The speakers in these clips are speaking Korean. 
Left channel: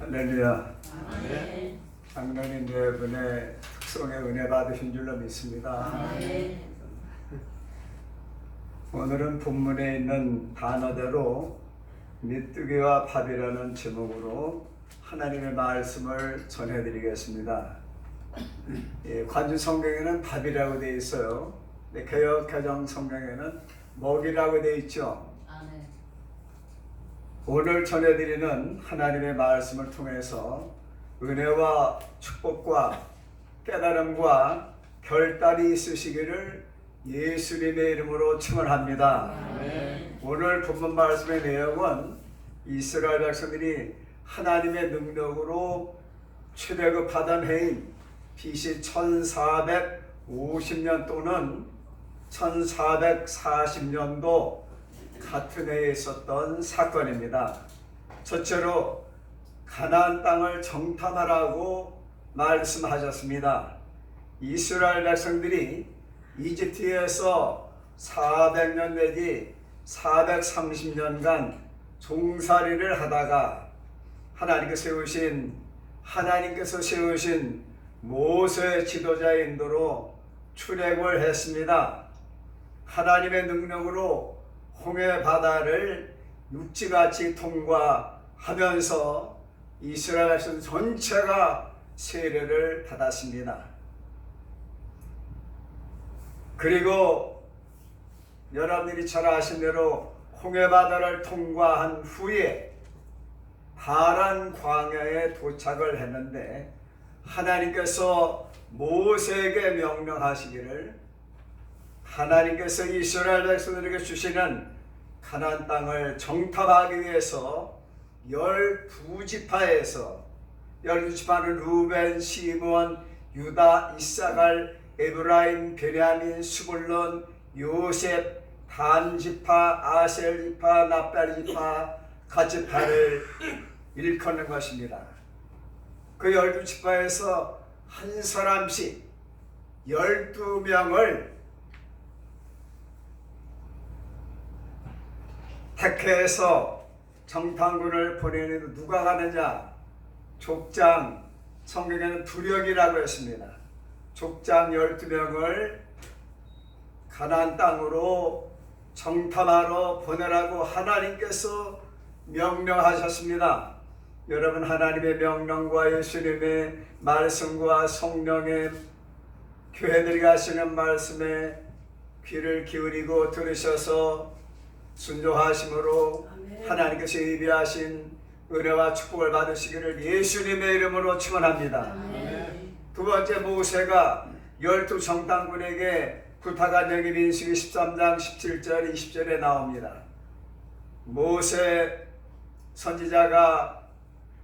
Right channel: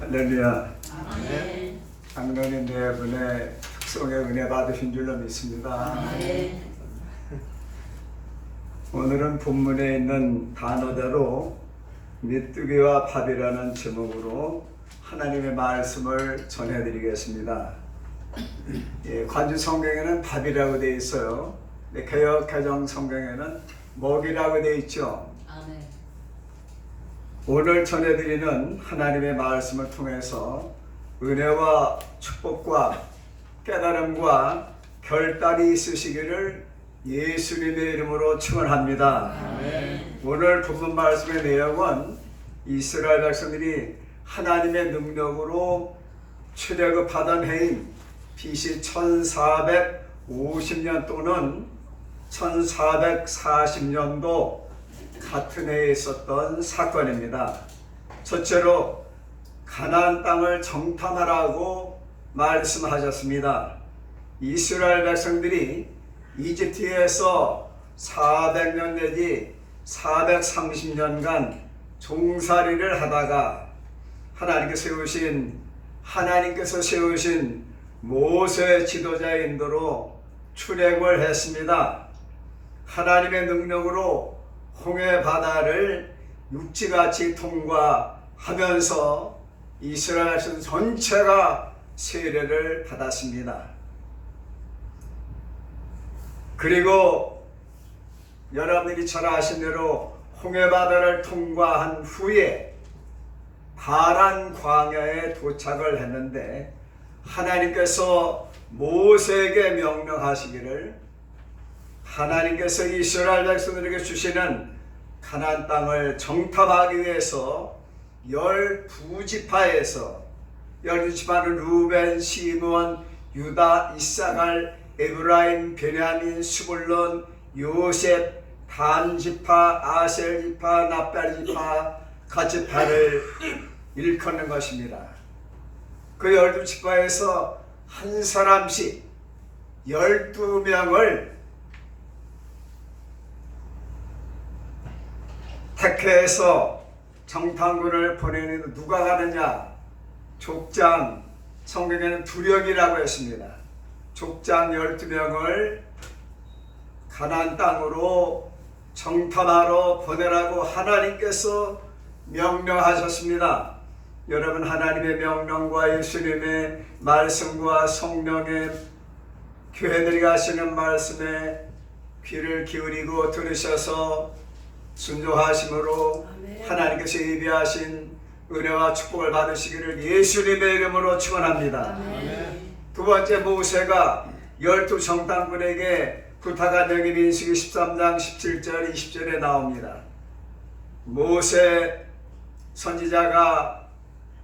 할렐루야. 아멘. 장로님 네 분의 특성의 은혜 받으신 줄로 믿습니다. 아멘. 오늘은 본문에 있는 단어대로 메뚜기와 밥이라는 제목으로 하나님의 말씀을 전해드리겠습니다. 관주 성경에는 밥이라고 되어 있어요. 개역 개정 성경에는 먹이라고 되어 있죠. 오늘 전해드리는 하나님의 말씀을 통해서 은혜와 축복과 깨달음과 결단이 있으시기를 예수님의 이름으로 축원합니다. 아멘. 오늘 본문 말씀의 내용은 이스라엘 백성들이 하나님의 능력으로 출애굽하던 해인 BC 1450년 또는 1440년도 같은 해에 있었던 사건입니다. 첫째로 가나안 땅을 정탐하라고 말씀하셨습니다. 이스라엘 백성들이 이집트에서 400년 내지 430년간 종살이를 하다가 하나님께서 세우신 모세 지도자의 인도로 출애굽을 했습니다. 하나님의 능력으로 홍해 바다를 육지같이 통과하면서 이스라엘 백성 전체가 세례를 받았습니다. 그리고 여러분들이 잘 아신 대로 홍해 바다를 통과한 후에 파란 광야에 도착을 했는데 하나님께서 모세에게 명령하시기를 하나님께서 이스라엘 백성들에게 주시는 가나안 땅을 정탐하기 위해서 12지파에서 12지파는 루벤, 시므온, 유다, 이사갈, 에브라임, 베냐민, 스불론, 요셉, 단 지파, 아셀 지파, 납달 지파, 갓 지파를 일컫는 것입니다. 그 12지파에서 한 사람씩 12명을 택해서 정탐군을 보내는 누가 가느냐? 족장, 성경에는 두력이라고 했습니다. 족장 12명을 가나안 땅으로 정탐하러 보내라고 하나님께서 명령하셨습니다. 여러분, 하나님의 명령과 예수님의 말씀과 성령의 교회들이 가시는 말씀에 귀를 기울이고 들으셔서 순종하심으로 하나님께서 예비하신 은혜와 축복을 받으시기를 예수님의 이름으로 축원합니다. 두 번째, 모세가 12 정탐꾼에게 부탁한 내용이 민수기 13장 17절 20절에 나옵니다. 모세 선지자가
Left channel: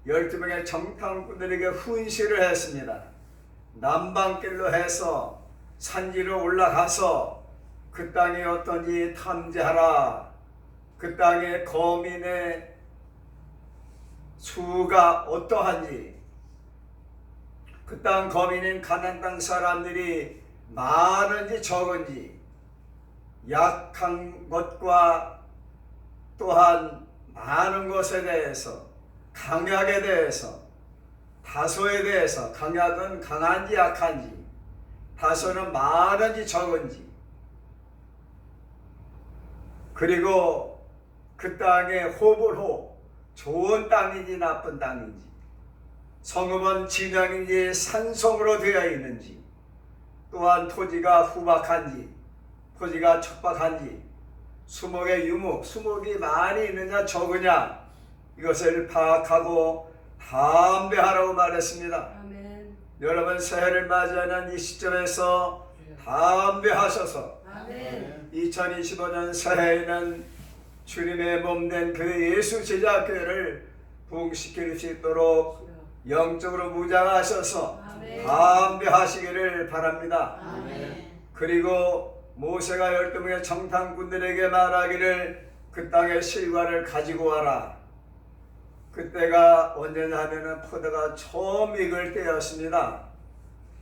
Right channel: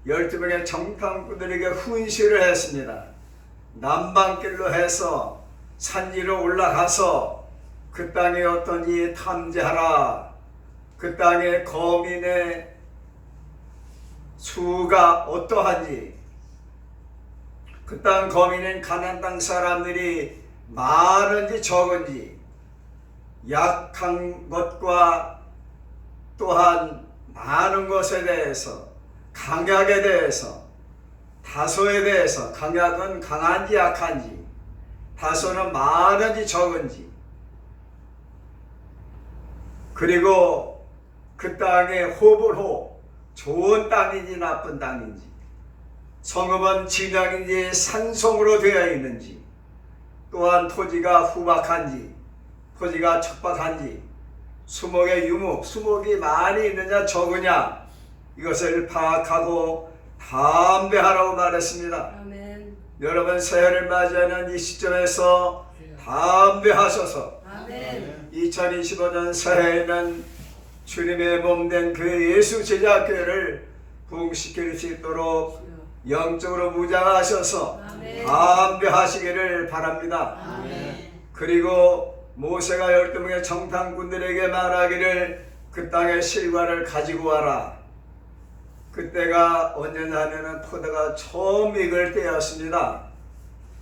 12명의 정탐꾼들에게 훈시를 했습니다. 남방길로 해서 산지로 올라가서 그 땅에 어떤지 탐지하라. 그 땅의 거민의 수가 어떠한지, 그 땅 거민인 가나안 땅 사람들이 많은지 적은지, 약한 것과 또한 많은 것에 대해서, 강약에 대해서, 다소에 대해서, 강약은 강한지 약한지, 다소는 많은지 적은지, 그리고 그 땅의 호불호, 좋은 땅인지 나쁜 땅인지, 성읍은 진영인지 산성으로 되어 있는지, 또한 토지가 후박한지 토지가 척박한지, 수목의 유목, 수목이 많이 있느냐 적으냐, 이것을 파악하고 담대하라고 말했습니다. 아멘. 여러분, 새해를 맞이하는 이 시점에서 담대하셔서 아멘. 2025년 새해에는 주님의 몸된 교회 예수 제자교회를 부흥시킬 수 있도록 영적으로 무장하셔서 담대하시기를 바랍니다. 아멘. 그리고 모세가 12명의 정탐꾼들에게 말하기를 그 땅의 실과를 가지고 와라. 그때가 언제냐 하면은 포도가 처음 익을 때였습니다.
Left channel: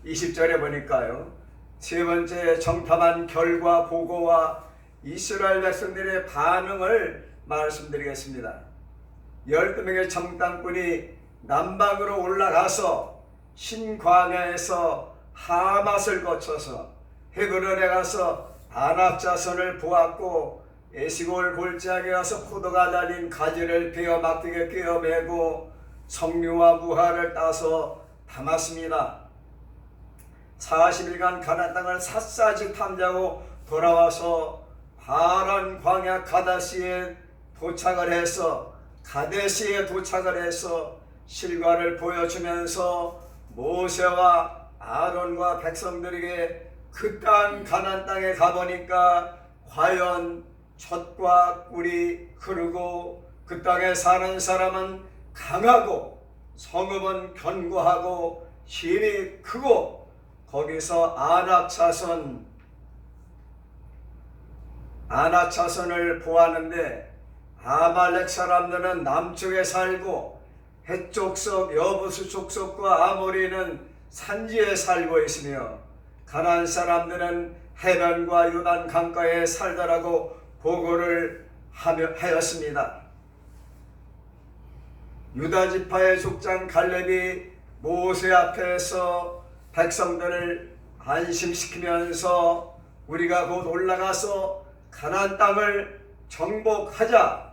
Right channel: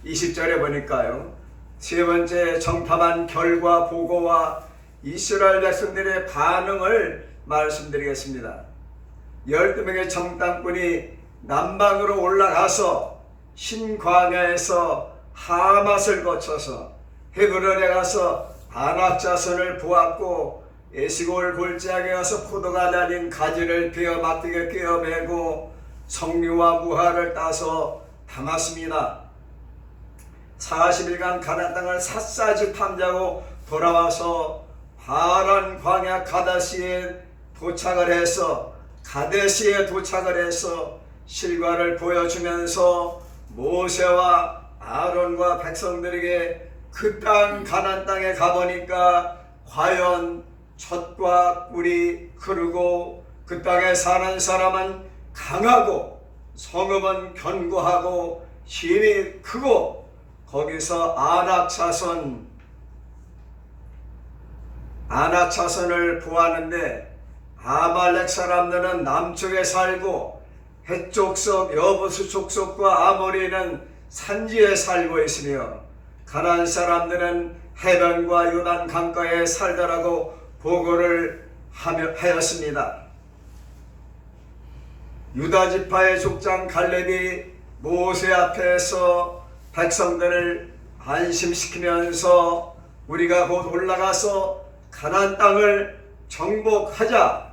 20절에 보니까요, 세 번째 정탐한 결과 보고와 이스라엘 백성들의 반응을 말씀드리겠습니다. 12명의 정탐꾼이 남방으로 올라가서 신광야에서 하맛을 거쳐서 헤브론에 가서 아낙 자손을 보았고, 에시골 골짜기에 가서 포도가 달린 가지를 베어 막대기에 끼어 매고 석류와 무화를 따서 담았습니다. 40일간 가나안 땅을 샅샅이 탐지하고 돌아와서 파란 광야 가데스에 도착을 해서 실과를 보여주면서 모세와 아론과 백성들에게 그 땅 가나안 땅에 가보니까 과연 젖과 꿀이 흐르고 그 땅에 사는 사람은 강하고 성읍은 견고하고 힘이 크고, 거기서 아낙 자손을 보았는데, 아말렉 사람들은 남쪽에 살고 헷 족속 여부수 족속과 아모리는 산지에 살고 있으며, 가나안 사람들은 해변과 요단 강가에 살더라고 보고를 하였습니다. 유다 지파의 족장 갈렙이 모세 앞에서 백성들을 안심시키면서 우리가 곧 올라가서 가나안 땅을 정복하자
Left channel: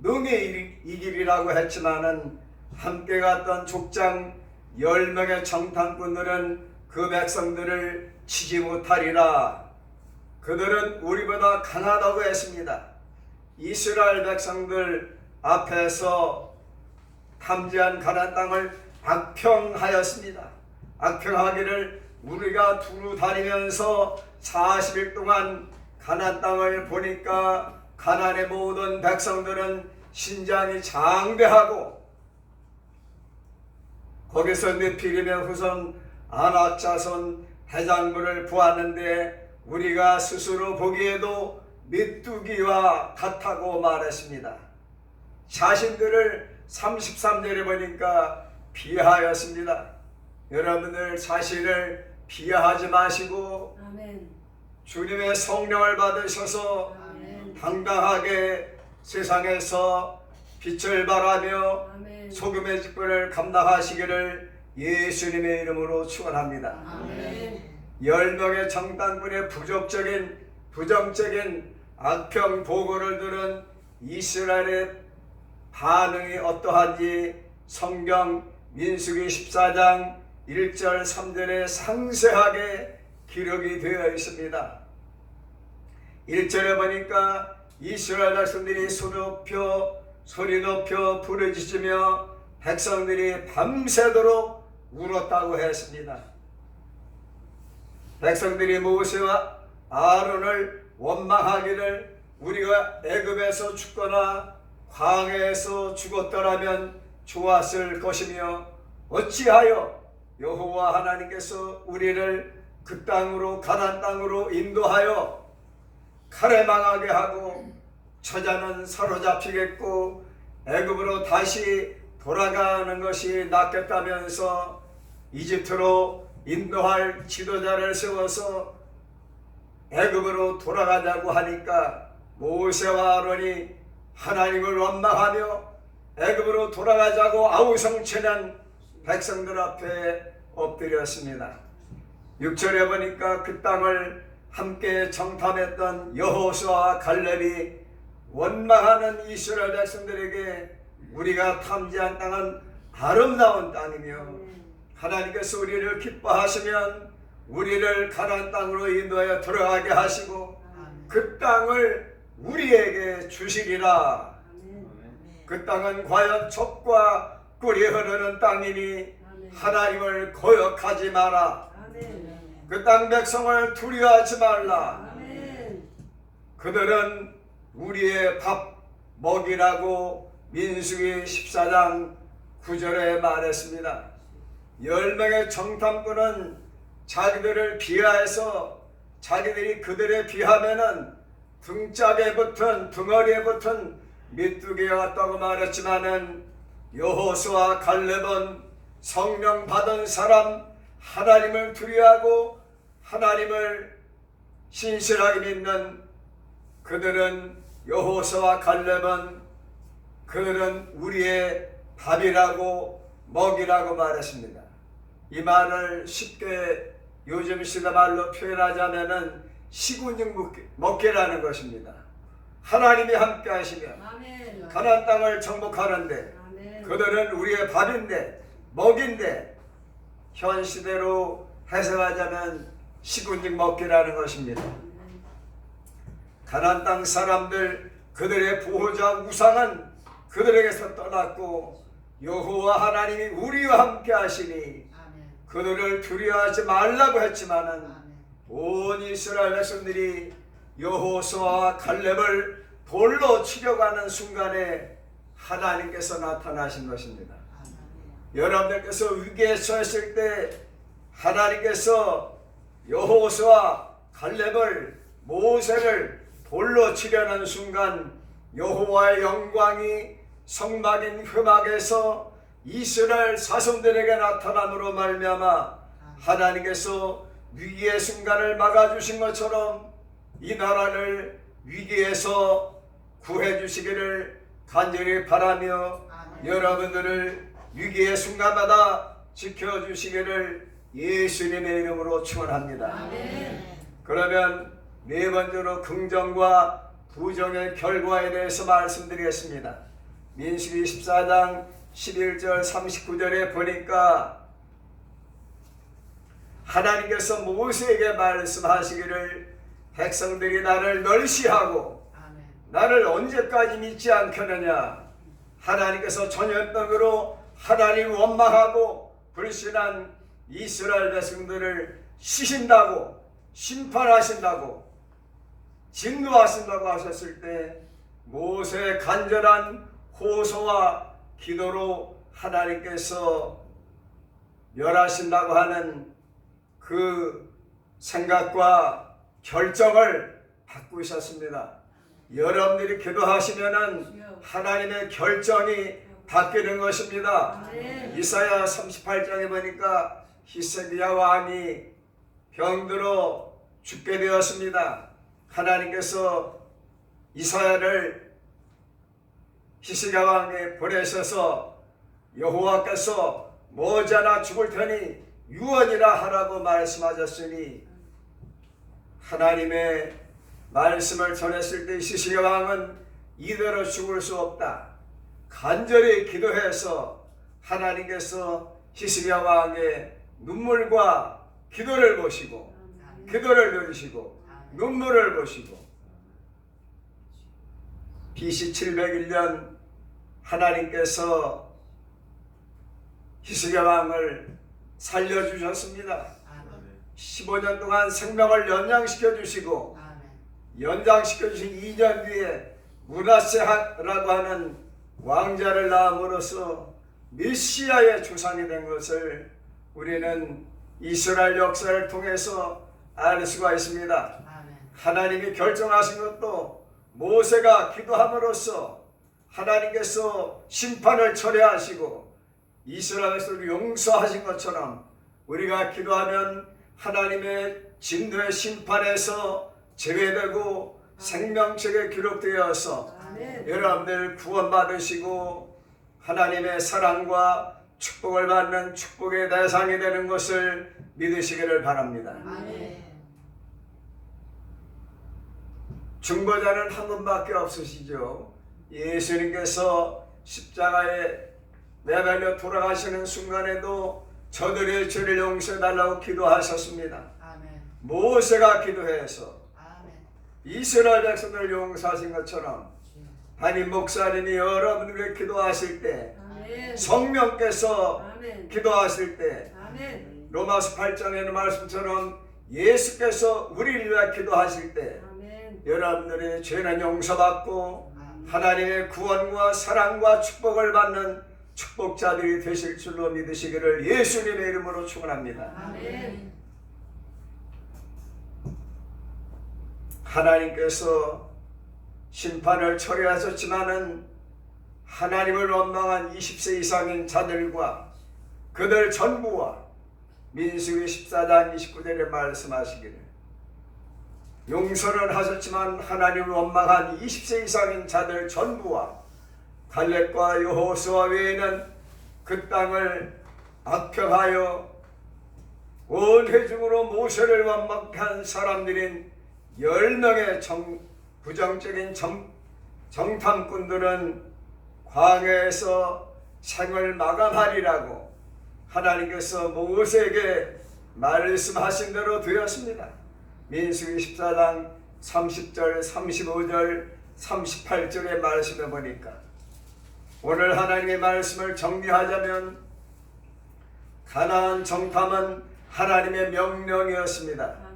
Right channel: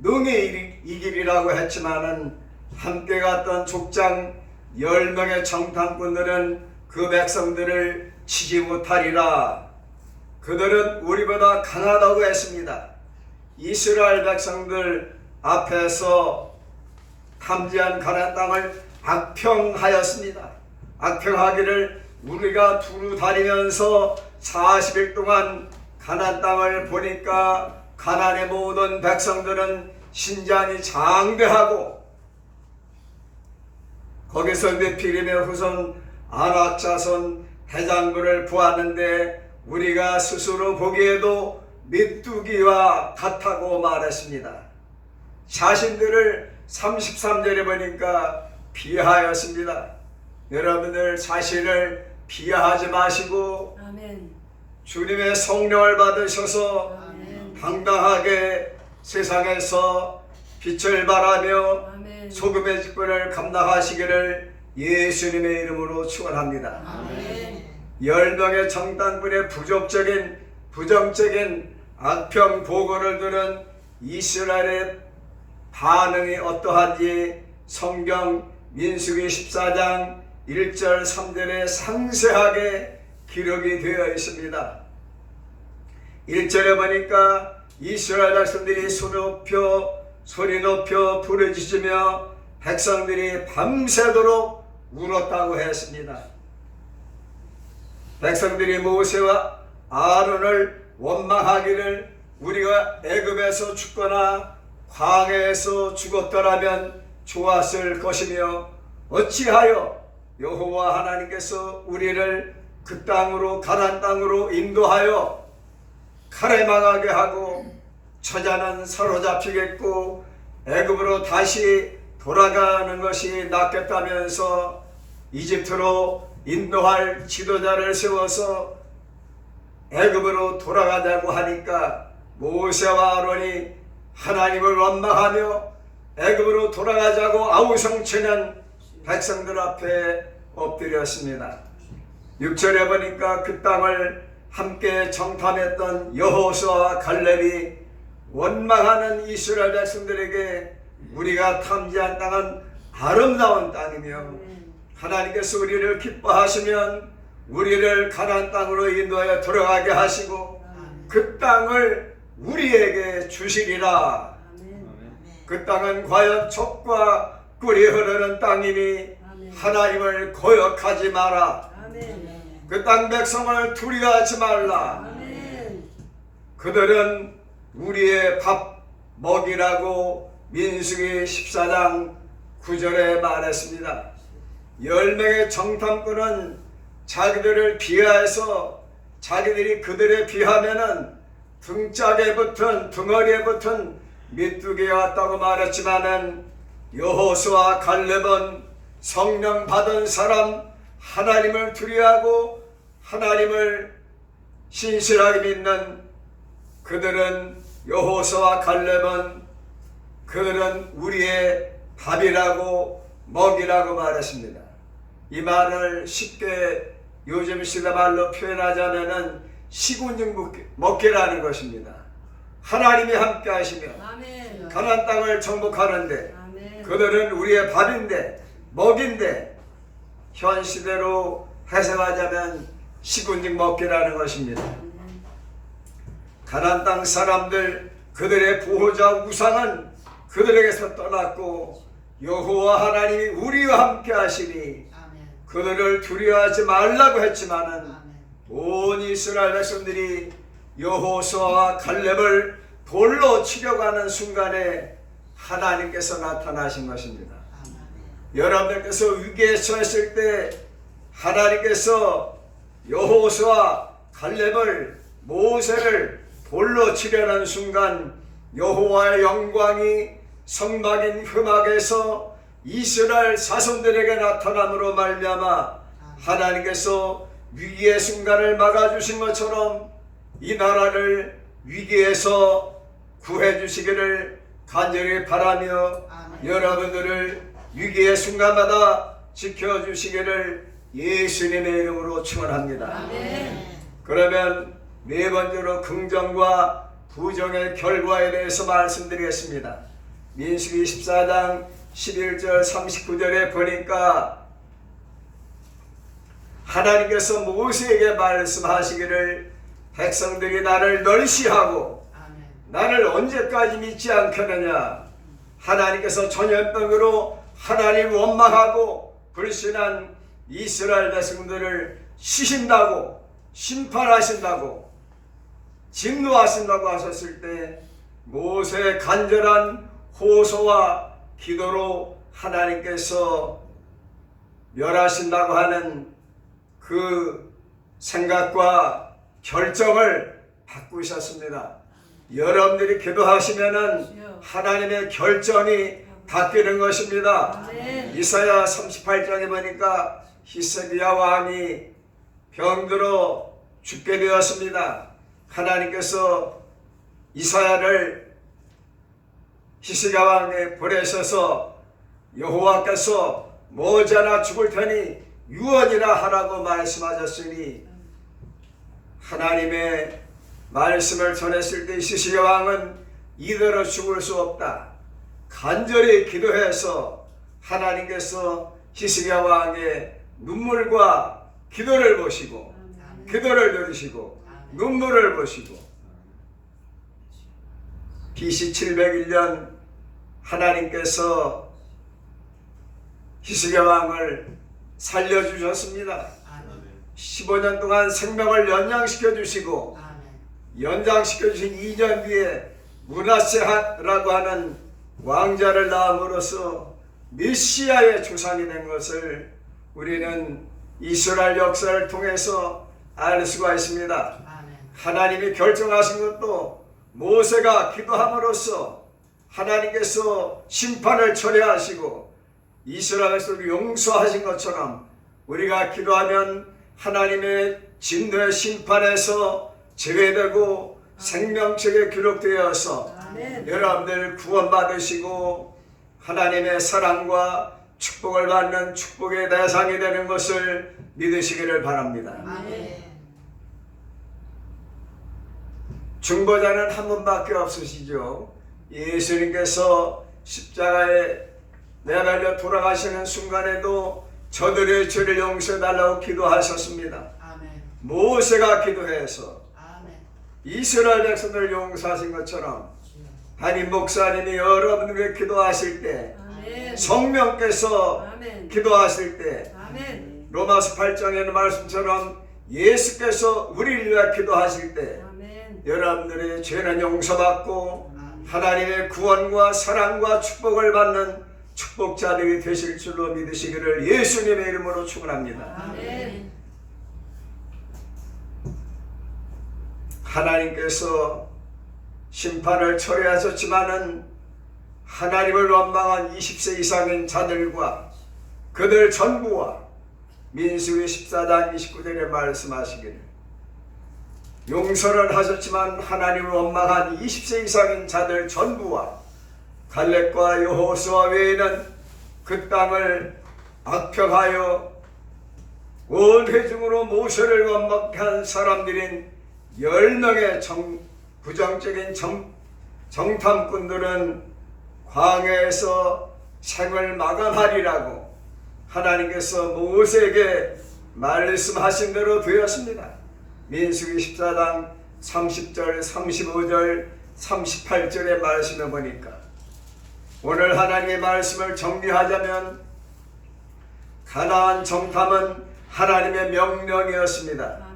능히 이기리라고 했지만은, 함께 갔던 족장 10명의 정탐꾼들은 그 백성들을 치지 못하리라. 그들은 우리보다 강하다고 했습니다. 이스라엘 백성들 앞에서 탐지한 가나안 땅을 악평하였습니다. 악평하기를, 우리가 두루 다니면서 40일 동안 가나안 땅을 보니까 가나안의 모든 백성들은 신장이 장대하고, 거기서 느피림의 후손 아낙 자손 해장부를 보았는데 우리가 스스로 보기에도 메뚜기와 같다고 말했습니다. 자신들을 33절에 보니까 비하하였습니다. 여러분들 자신을 비하하지 마시고, 아멘. 주님의 성령을 받으셔서 아멘. 당당하게 세상에서 빛을 발하며 아멘. 소금의 직분을 감당하시기를 예수님의 이름으로 축원합니다. 아멘. 10명의 정탐꾼의 부정적인 악평 보고를 들은 이스라엘의 반응이 어떠한지 성경 민수기 14장 1절 3절에 상세하게 기록이 되어 있습니다. 1절에 보니까 이스라엘 백성들이 소리 높여 부르짖으며 백성들이 밤새도록 울었다고 했습니다. 백성들이 모세와 아론을 원망하기를, 우리가 애굽에서 죽거나 광야에서 죽었더라면 좋았을 것이며, 어찌하여 여호와 하나님께서 우리를 그 땅으로 가나안 땅으로 인도하여 칼에 망하게 하고 처자는 사로잡히겠고 애굽으로 다시 돌아가는 것이 낫겠다면서 이집트로 인도할 지도자를 세워서 애굽으로 돌아가자고 하니까, 모세와 아론이 하나님을 원망하며 애굽으로 돌아가자고 아우성치는 백성들 앞에 엎드렸습니다. 6절에 보니까 그 땅을 함께 정탐했던 여호수아와 갈렙이 원망하는 이스라엘 백성들에게, 우리가 탐지한 땅은 아름다운 땅이며 하나님께서 우리를 기뻐하시면 우리를 가나안 땅으로 인도하여 들어가게 하시고 그 땅을 우리에게 주시리라. 그 땅은 과연 젖과 꿀이 흐르는 땅이니 하나님을 거역하지 마라. 그 땅 백성을 두려워하지 말라. 그들은 우리의 밥 먹이라고 민수기 14장 9절에 말했습니다. 10명의 정탐꾼은 자기들을 비하해서, 자기들이 그들에 비하면은 등짝에 붙은, 등허리에 붙은 메뚜기가 왔다고 말했지만은, 여호수아 갈렙은 성령 받은 사람, 하나님을 두려워하고 하나님을 신실하게 믿는 그들은 여호수아와 갈렙은 그들은 우리의 밥이라고 먹이라고 말했습니다. 이 말을 쉽게 요즘 시대 말로 표현하자면은 시군증 먹기라는 것입니다. 하나님이 함께 하시며 가나안 땅을 정복하는데 그들은 우리의 밥인데 먹인데 현 시대로 해석하자면 시군증 먹기라는 것입니다. 가나안 땅 사람들 그들의 보호자 우상은 그들에게서 떠났고 여호와 하나님이 우리와 함께 하시니 그들을 두려워하지 말라고 했지만은 온 이스라엘 백성들이 여호수아와 갈렙을 돌로 치려고 하는 순간에 하나님께서 나타나신 것입니다. 여러분들께서 위기에 처했을 때 하나님께서 여호수아 갈렙을 모세를 돌로 치려는 순간 여호와의 영광이 성막인 흠악에서 이스라엘 자손들에게 나타남으로 말미암아 하나님께서 위기의 순간을 막아주신 것처럼 이 나라를 위기에서 구해주시기를 간절히 바라며 여러분들을 위기의 순간마다 지켜주시기를 예수님의 이름으로 축원합니다. 그러면 네 번째로 긍정과 부정의 결과에 대해서 말씀드리겠습니다. 민수기 24장 11절 39절에 보니까 하나님께서 모세에게 말씀하시기를 백성들이 나를 멸시하고 나를 언제까지 믿지 않겠느냐. 하나님께서 전염병으로 하나님 원망하고 불신한 이스라엘 백성들을 치신다고 심판하신다고 진노하신다고 하셨을 때 모세의 간절한 호소와 기도로 하나님께서 멸하신다고 하는 그 생각과 결정을 바꾸셨습니다. 여러분들이 기도하시면은 하나님의 결정이 바뀌는 것입니다. 이사야 38장에 보니까 히스기야 왕이 병들어 죽게 되었습니다. 하나님께서 이사야를 히스기야 왕에 보내셔서 여호와께서 머지않아 죽을 테니 유언이라 하라고 말씀하셨으니 하나님의 말씀을 전했을 때 히스기야 왕은 이대로 죽을 수 없다. 간절히 기도해서 하나님께서 히스기야 왕의 눈물과 기도를 보시고 기도를 들으시고 눈물을 보시고 BC 701년 하나님께서 히스기야 왕을 살려주셨습니다. 15년 동안 생명을 연장시켜 주시고 연장시켜 주신 2년 뒤에 므낫세라고 하는 왕자를 낳음으로써 메시아의 주산이 된 것을 우리는 이스라엘 역사를 통해서 알 수가 있습니다. 하나님이 결정하신 것도 모세가 기도함으로써 하나님께서 심판을 철회하시고 이스라엘 백성을 용서하신 것처럼 우리가 기도하면 하나님의 진노의 심판에서 제외되고 생명책에 기록되어서 여러분들 구원받으시고 하나님의 사랑과 축복을 받는 축복의 대상이 되는 것을 믿으시기를 바랍니다. 중보자는 한 분밖에 없으시죠. 예수님께서 십자가에 내달려 돌아가시는 순간에도 저들의 죄를 용서해달라고 기도하셨습니다. 모세가 기도해서 이스라엘 백성을 용서하신 것처럼 담임 목사님이 여러분에게 기도하실 때 성령께서 기도하실 때 로마서 8장에는 말씀처럼 예수께서 우리를 위해 기도하실 때 여러분들의 죄는 용서받고 하나님의 구원과 사랑과 축복을 받는 축복자들이 되실 줄로 믿으시기를 예수님의 이름으로 축원합니다. 하나님께서 심판을 철회하셨지만은 하나님을 원망한 20세 이상인 자들과 그들 전부와 민수기 14장 29절에 말씀하시기를 용서는 하셨지만 하나님을 원망한 20세 이상인 자들 전부와 갈렙과 여호수아 외에는 그 땅을 악평하여 온 회중으로 모세를 원망케 한 사람들인 10명의 부정적인 정탐꾼들은 광야에서 생을 마감하리라고 하나님께서 모세에게 말씀하신 대로 되었습니다. 민수기 14장 30절, 35절, 38절의 말씀을 보니까 오늘 하나님의 말씀을 정리하자면 가나안 정탐은 하나님의 명령이었습니다.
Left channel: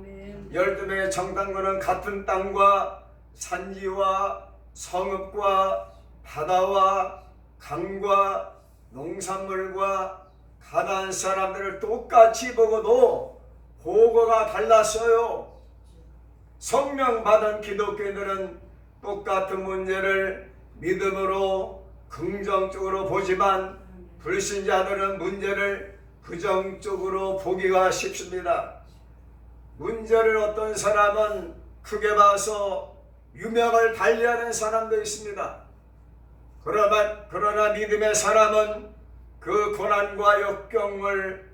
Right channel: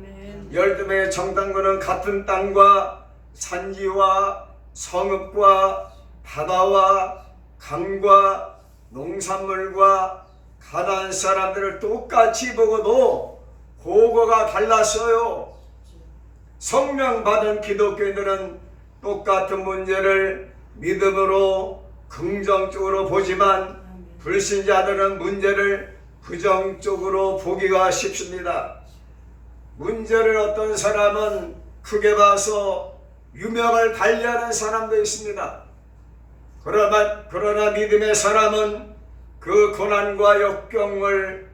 12명의 정탐꾼은 같은 땅과 산지와 성읍과 바다와 강과 농산물과 가나안 사람들을 똑같이 보고도 보고가 달랐어요. 성령 받은 기독교인들은 똑같은 문제를 믿음으로 긍정적으로 보지만 불신자들은 문제를 부정적으로 보기가 쉽습니다. 문제를 어떤 사람은 크게 봐서 유명을 달리하는 사람도 있습니다. 그러나 믿음의 사람은 그 고난과 역경을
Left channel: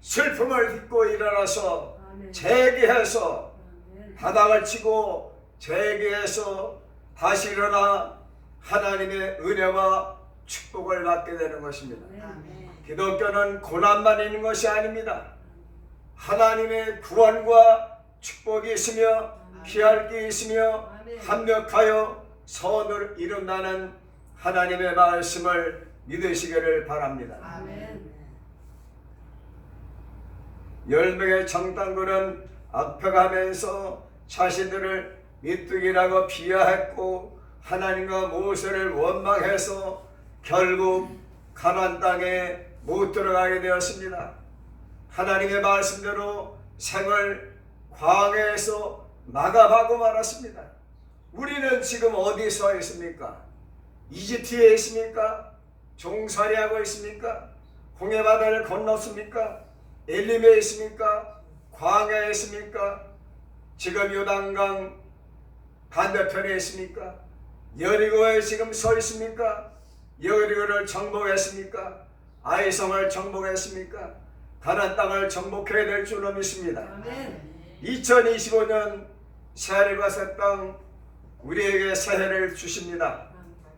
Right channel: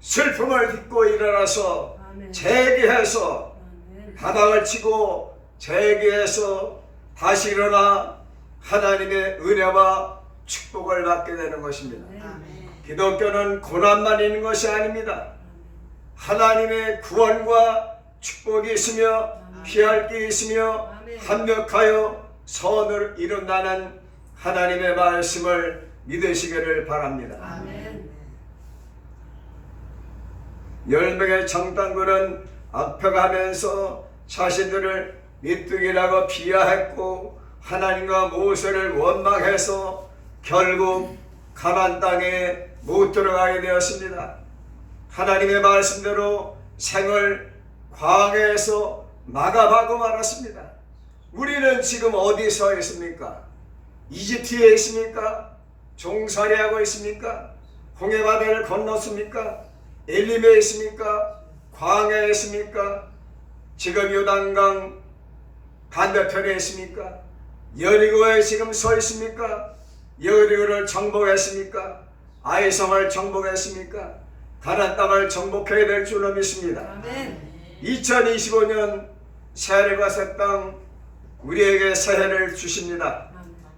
슬픔을 딛고 일어나서 재기해서 바닥을 치고 재기해서 다시 일어나 하나님의 은혜와 축복을 받게 되는 것입니다. 기독교는 고난만 있는 것이 아닙니다. 하나님의 구원과 축복이 있으며 피할 게 있으며 합력하여 선을 이룬다는 하나님의 말씀을 믿으시기를 바랍니다. 10명의 정탐꾼은 악평하면서 자신들을 메뚜기라고 비하했고 하나님과 모세를 원망해서 결국 가나안 땅에 못 들어가게 되었습니다. 하나님의 말씀대로 생을 광야에서 마감하고 말았습니다. 우리는 지금 어디 서 있습니까? 이집트에 있습니까? 종살이하고 있습니까? 홍해바다를 건넜습니까? 엘림에 있습니까? 광야에 있습니까? 지금 요단강 반대편에 있습니까? 여리고에 지금 서 있습니까? 여리고를 정복했습니까? 아이성을 정복했습니까? 가나안 땅을 정복해야 될 줄로 믿습니다. 2025년 새하늘과 새 땅 우리에게 새해를 주십니다.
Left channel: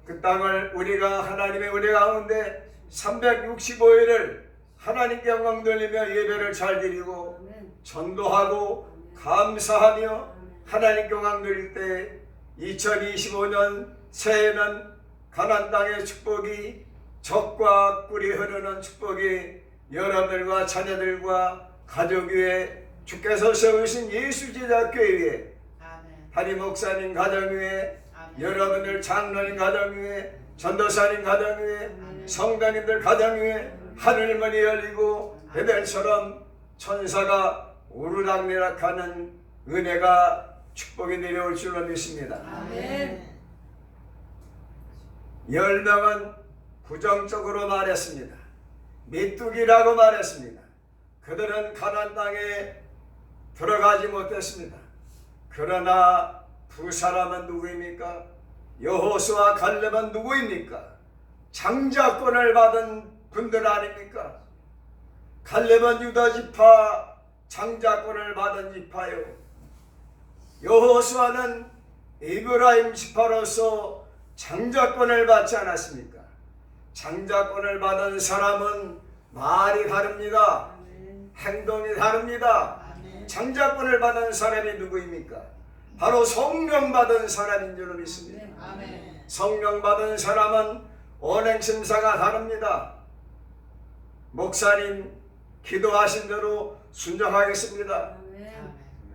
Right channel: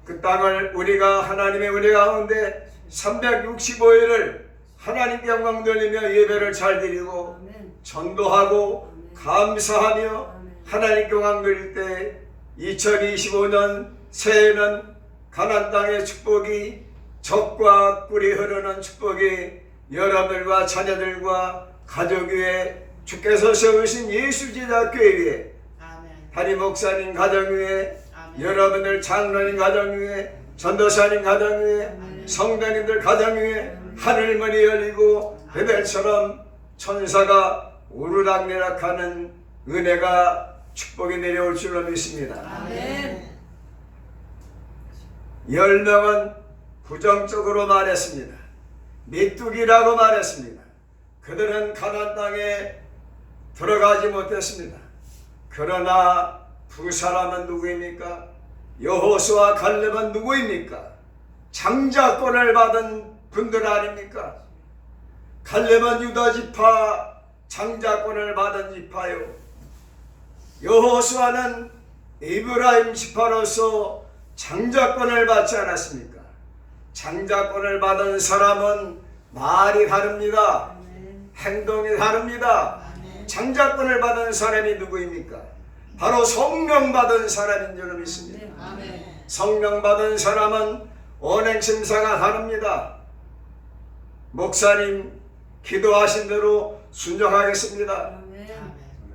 그 땅을 우리가 하나님의 은혜 가운데 365일을 하나님께 영광 돌리며 예배를 잘 드리고 전도하고 감사하며 하나님께 영광 드릴 때 2025년 새해는 가나안 땅의 축복이 젖과 꿀이 흐르는 축복이 여러분들과 자녀들과 가족 위에 주께서 세우신 예수 제자교회 위에 담임 목사님 가정 위에 여러분들 장로님 가정 위에 전도사님 가정 위에 성도님들 가정 위에 하늘문이 열리고 베델처럼 천사가 오르락내락하는 은혜가 축복이 내려올 줄로 믿습니다. 10명은 부정적으로 말했습니다. 메뚜기라고 말했습니다. 그들은 가나안 땅에 들어가지 못했습니다. 그러나 두 사람은 누구입니까? 여호수아 갈렙은 누구입니까? 장자권을 받은 분들 아닙니까? 갈렙은 유다 지파 장자권을 받은 지파요. 여호수아는 에브라임 지파로서 장자권을 받지 않았습니까? 장자권을 받은 사람은 말이 다릅니다. 행동이 다릅니다. 장자권을 받은 사람이 누구입니까? 바로 성령 받은 사람인 줄 믿습니다. 성령 받은 사람은 언행심사가 다릅니다. 목사님 기도하신 대로 순종하겠습니다.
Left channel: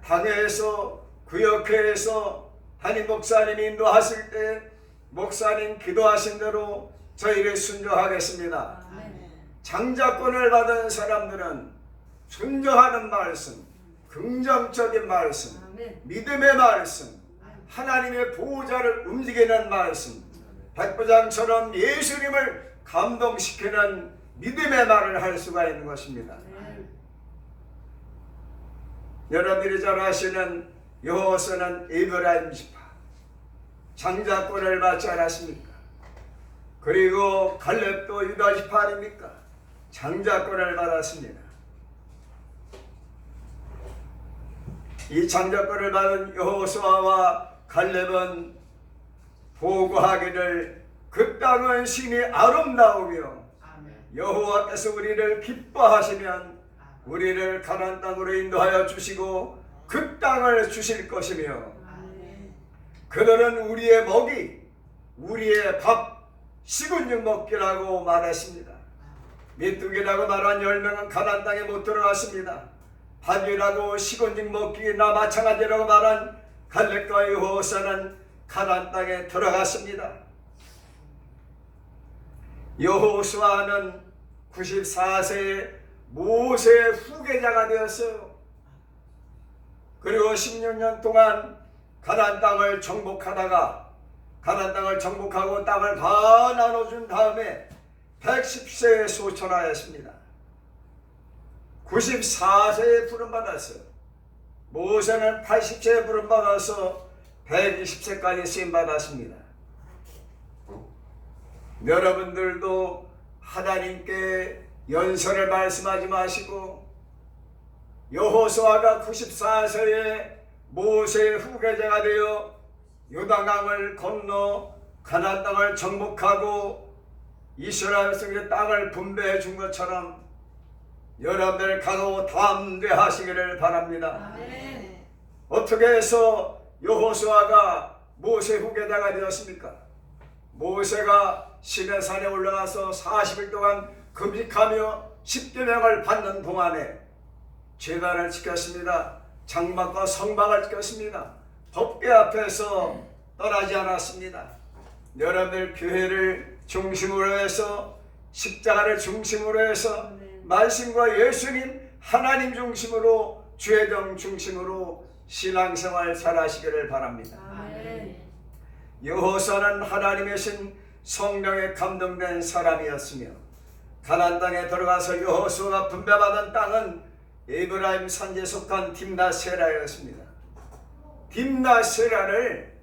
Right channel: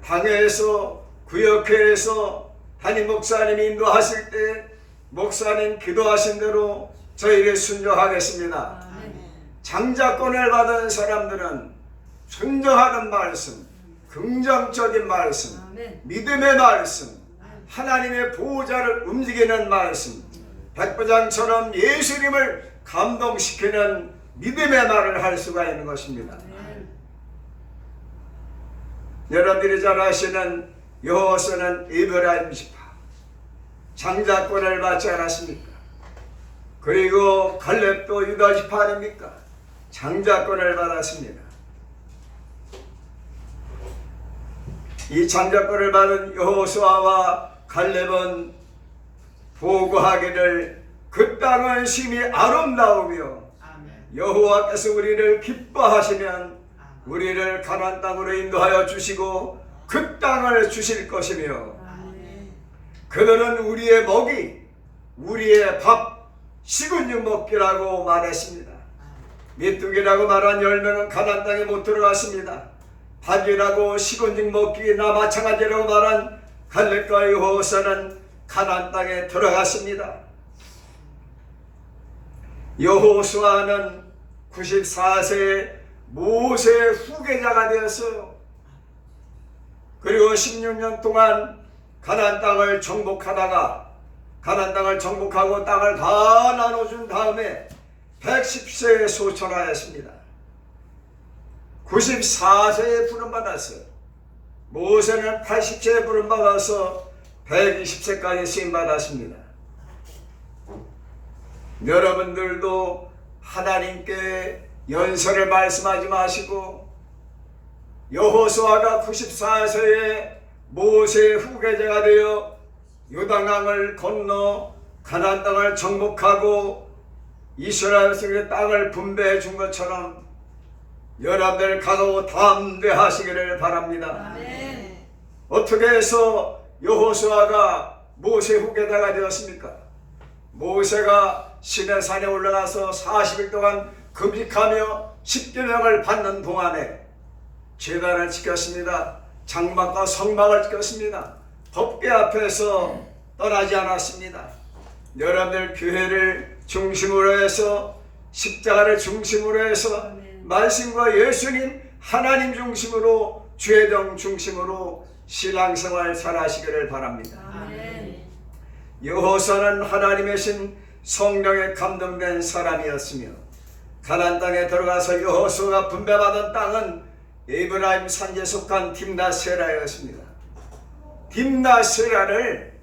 당회에서 구역회에서 담임 목사님이 인도하실 때 목사님 기도하신 대로 저희를 순종하겠습니다. 장자권을 받은 사람들은 순종하는 말씀, 긍정적인 말씀, 믿음의 말씀, 하나님의 보호자를 움직이는 말씀, 백부장처럼 예수님을 감동시키는 믿음의 말을 할 수가 있는 것입니다. 여러분들이 잘 아시는 여호수아는 에브라임 지파 장자권을 받지 않았습니까? 그리고 갈렙도 유다 지파 아닙니까? 장자권을 받았습니다. 이 장자권을 받은 여호수아와 갈렙은 보고하기를 그 땅은 심히 아름다우며 여호와께서 우리를 기뻐하시면 우리를 가나안 땅으로 인도하여 주시고 그 땅을 주실 것이며 그들은 우리의 먹이 우리의 밥 식은 죽 먹기라고 말했습니다. 메뚜기라고 말한 10명은 가나안 땅에 못 들어갔습니다. 밥이라고 식은 죽 먹기나 마찬가지라고 말한 갈렙과 여호수아는 가나안 땅에 들어갔습니다. 여호수아는 94세에 모세의 후계자가 되었어요. 그리고 16년 동안 가나안 땅을 정복하다가 가나안 땅을 정복하고 땅을 다 나눠준 다음에 110세에 소천하였습니다. 94세에 부름받았어요. 모세는 80세에 부름받아서 120세까지 쓰임받았습니다. 여러분들도 하나님께 연설을 말씀하지 마시고 여호수아가 94세에 모세의 후계자가 되어 요단강을 건너 가나안 땅을 정복하고 이스라엘 백성의 땅을 분배해 준 것처럼 여러분들 각오 담대하시기를 바랍니다. 아멘. 어떻게 해서 여호수아가 모세 후계자가 되었습니까? 모세가 시내산에 올라가서 40일 동안 금식하며 십계명을 받는 동안에 제단을 지켰습니다. 장막과 성막을 지켰습니다. 법궤 앞에서 떠나지 않았습니다. 여러분들 교회를 중심으로 해서 십자가를 중심으로 해서 말씀과 예수님 하나님 중심으로 주의정 중심으로 신앙생활 잘하시기를 바랍니다. 여호수아는 하나님의 신 성령에 감동된 사람이었으며 가나안 땅에 들어가서 여호수아가 분배받은 땅은 에브라임 산지에 속한 딥나세라였습니다. 딥나세라를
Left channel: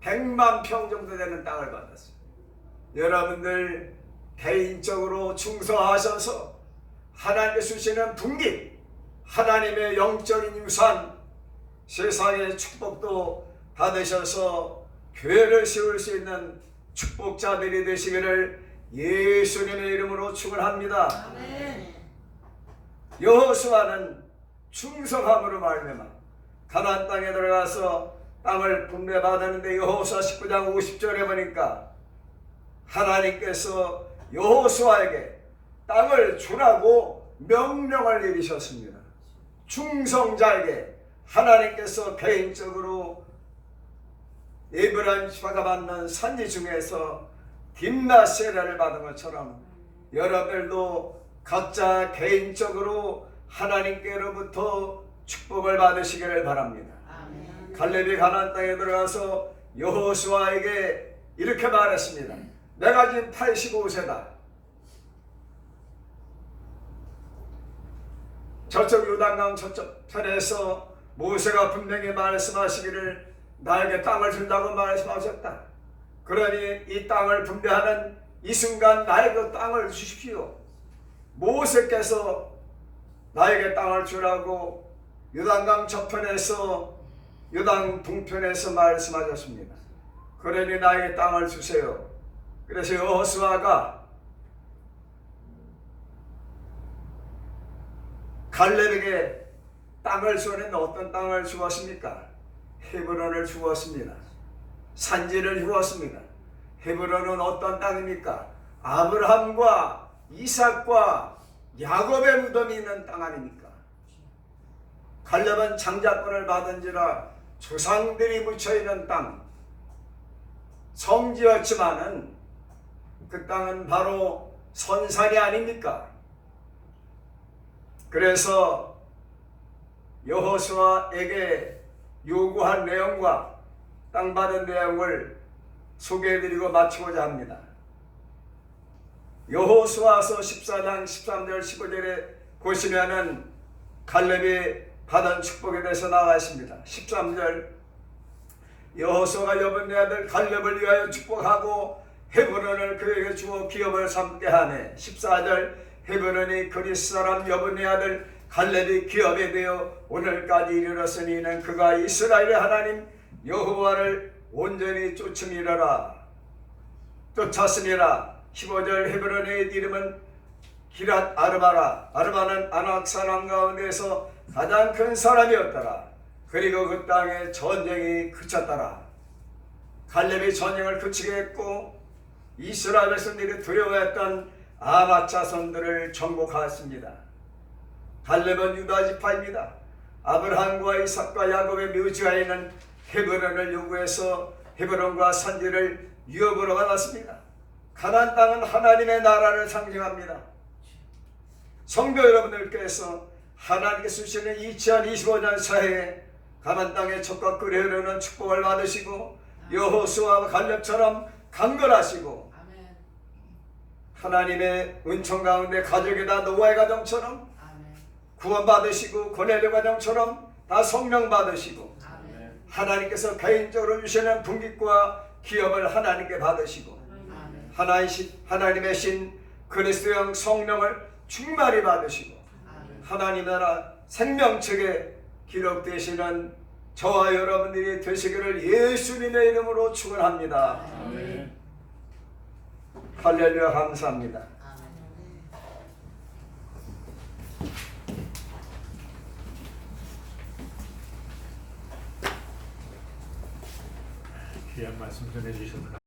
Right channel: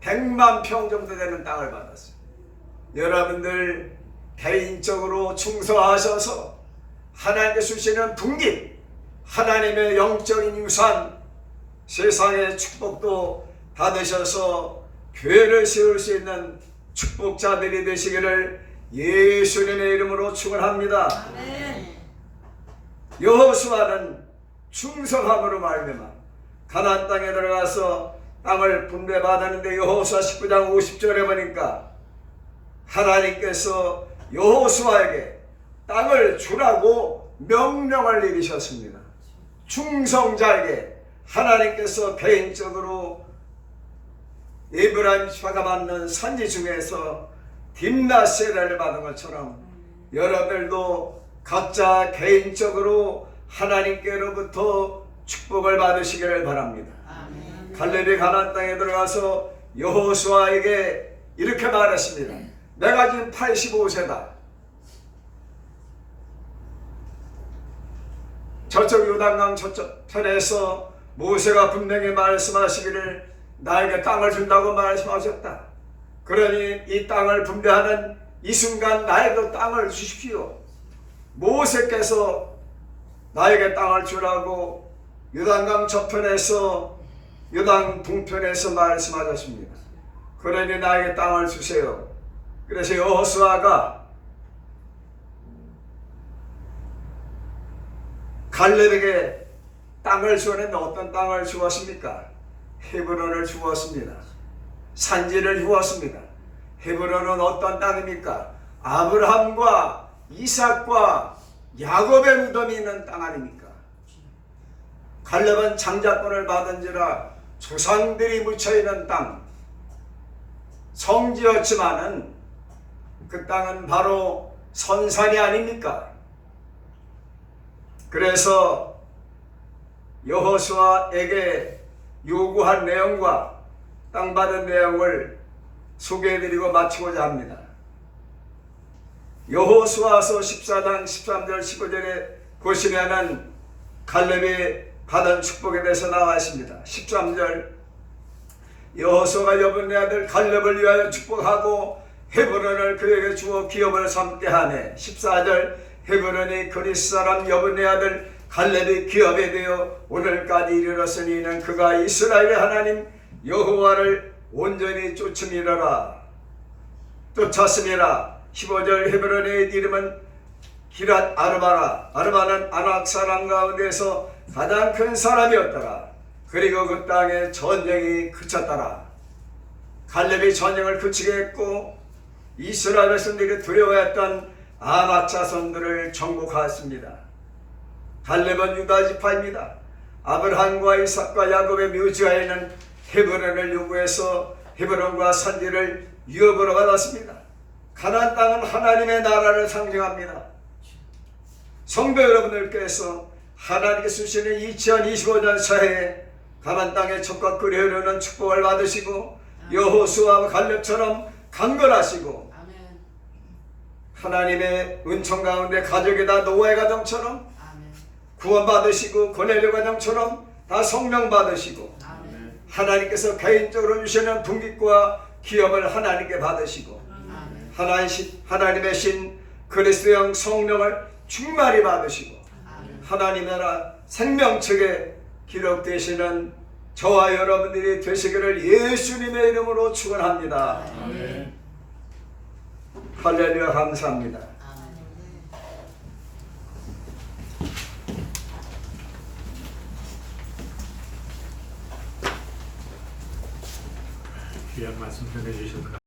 100만 평 정도 되는 땅을 받았어요. 여러분들 개인적으로 충성하셔서 하나님께 주시는 분깃, 하나님의 영적인 유산, 세상의 축복도 받으셔서 교회를 세울 수 있는 축복자들이 되시기를 예수님의 이름으로 축원합니다. 여호수아는 충성함으로 말미암아 가나안 땅에 들어가서 땅을 분배받았는데 여호수아 19장 50절에 보니까 하나님께서 여호수아에게 땅을 주라고 명령을 내리셨습니다. 충성자에게 하나님께서 개인적으로 에브라임 지파가 받는 산지 중에서 딥나세라를 받은 것처럼 여러분들도 각자 개인적으로 하나님께로부터 축복을 받으시기를 바랍니다. 갈렙이 가나안 땅에 들어가서 여호수아에게 이렇게 말했습니다. 내가 지금 85세다. 저쪽 요단강 저쪽 편에서 모세가 분명히 말씀하시기를 나에게 땅을 준다고 말씀하셨다. 그러니 이 땅을 분배하는 이 순간 나에게 땅을 주십시오. 모세께서 나에게 땅을 주라고 요단강 저편에서 요단 동편에서 말씀하셨습니다. 그러니 나에게 땅을 주세요. 그래서 여호수아가 갈렙에게 땅을 주었는데 어떤 땅을 주었습니까? 헤브론을 주었습니다. 산지를 주었습니다. 헤브론은 어떤 땅입니까? 아브라함과 이삭과 야곱의 무덤이 있는 땅 아닙니까? 갈렙은 장자권을 받은지라 조상들이 묻혀있는 땅, 성지였지만은 그 땅은 바로 선산이 아닙니까? 그래서 여호수아에게 요구한 내용과 땅 받은 내용을 소개해드리고 마치고자 합니다. 여호수아서 14장 13절 15절에 보시면은 갈렙이 받은 축복에 대해서 나와 있습니다. 13절 여호수아가 여분네 아들 갈렙을 위하여 축복하고 헤브론을 그에게 주어 기업을 삼게 하네. 14절 헤브론이 그리스 사람 여분네 아들 갈렙이 기업에 되어 오늘까지 이르렀으니 이는 그가 이스라엘의 하나님 여호와를 온전히 쫓음이라. 15절 헤브론의 이름은 기랏 아르바라. 아르바는 아낙 사람 가운데서 가장 큰 사람이었더라. 그리고 그 땅에 전쟁이 그쳤더라. 갈렙이 전쟁을 그치게 했고 이스라엘 백성들이 두려워했던 아낙 자손들을 정복하였습니다. 갈렙은 유다 지파입니다. 아브라함과 이삭과 야곱의 묘지가 있는 헤브론을 요구해서 헤브론과 산지를 유업으로 받았습니다. 가나안 땅은 하나님의 나라를 상징합니다. 성도 여러분들께서 하나님께서 주시는 2025년 새해에 가나안 땅의 젖과 꿀이 흐르는 축복을 받으시고 여호수아와 갈렙처럼 강건하시고 하나님의 은총 가운데 가족이 다 노아의 가정처럼 구원받으시고 고넬료 가정처럼 다 성령 받으시고 하나님께서 개인적으로 주시는 분깃과 기업을 하나님께 받으시고 하나님의 신 그리스도의 성령을 충만히 받으시고 하나님 나라 생명책에 기록되시는 저와 여러분들이 되시기를 예수님의 이름으로 축원합니다. 할렐루야. 감사합니다. 귀한 말씀 전해주셔서